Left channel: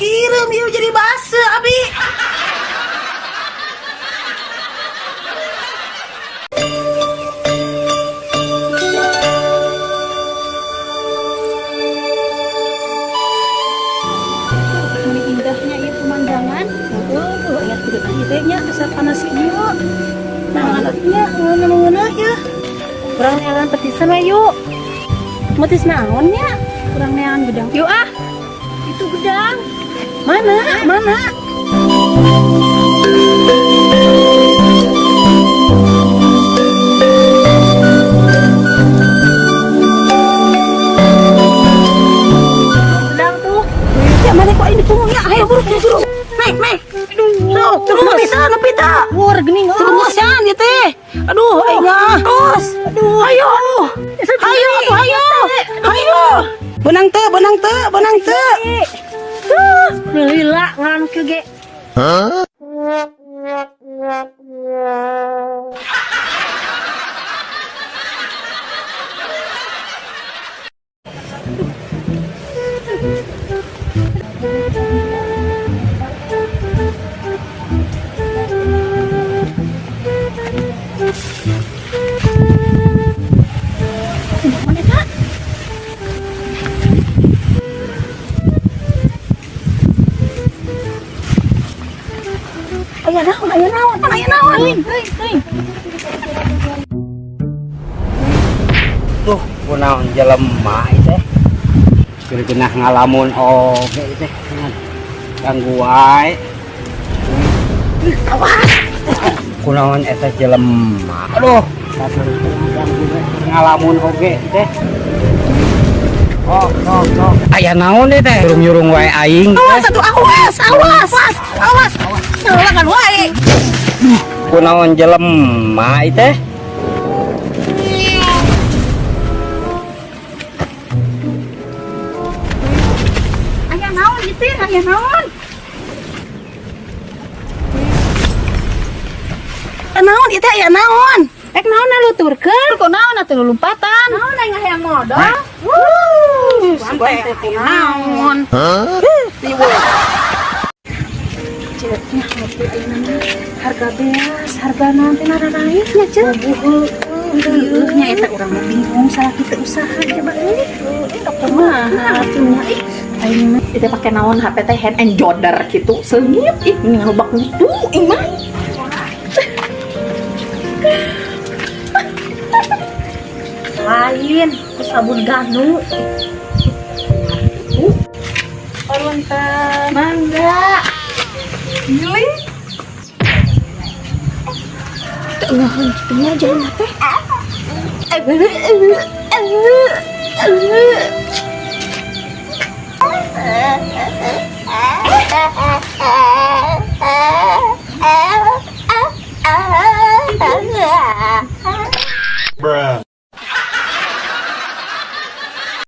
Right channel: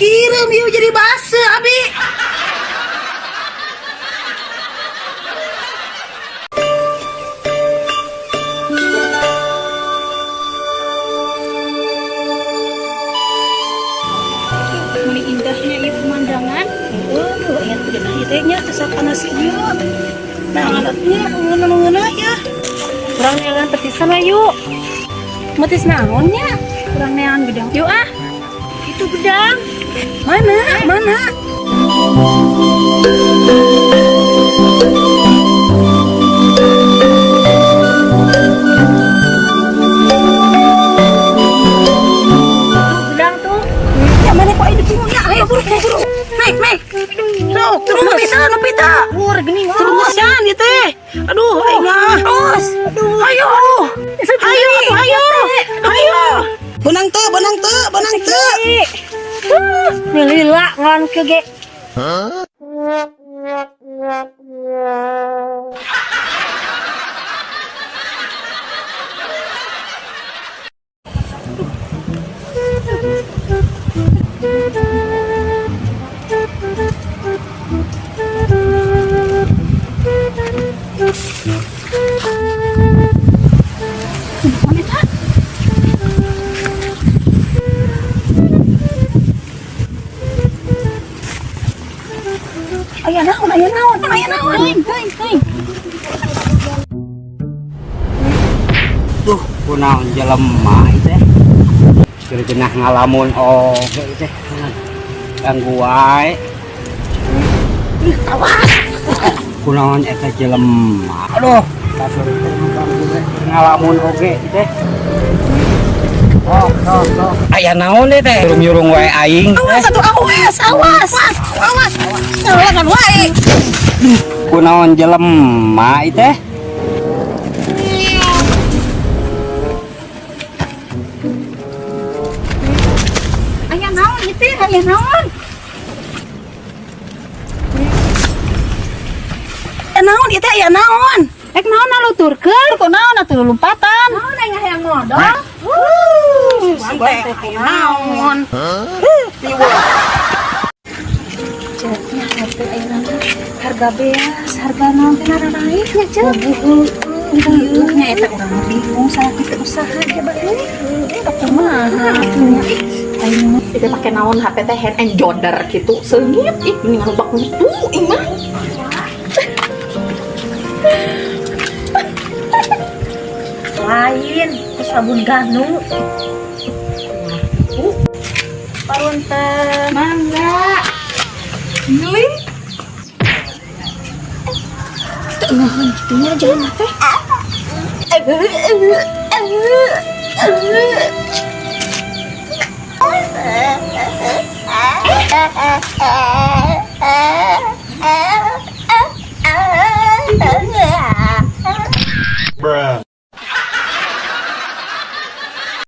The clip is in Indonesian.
Kirim yuk jadi base abi. Ini indahnya ya pemandangan. Ya tidak akhirnya asap panas ini. Nah alatnya ngena ya. Kurang neangan petisan yuk. Metis naonnya? Kurang neangan gedang. Yuk ah. Itu gedang. Mana? Gedang tuh. Ya mana kok ini punggungnya? Ayo buru. Naik. Tuh, nepita. Luar gini nggak? Terusan ya teh. Aduh, terus. Ayo. Benang teh. Lila ngan ke ge. Ayah naon. Tuh, kunaon jelema teh. Geus ngalamun oge teh. Ganggu wae. Awas. Kunaon eta jelema. Aduh, dasar ganggu we ngalamun oge teh. Oh. Aya naon teh? Nyurung wae aing teh. Awas. Ngelangan wae. Kunaon jelema teh? Ayah naon itu? Ayah naon? Naon itu aya naon? Ek naon nuturkeun? Kok naon atuh lompatan? Naon aya hayang modal? Sampai naon? Ceknya hati ayeuna harga beas, harga naon teh naranaik nya cek. Nya eta urang bingung salah kita usaha coba euy. Kumaha atuh ayeuna itu pakai naon HP teh hand and shoulder gitu seungit ih mending lobak mutu ing mah lain ku sabun ganu. Parunten mangga. Giling Tengah gitunya jalan teh. Bruh.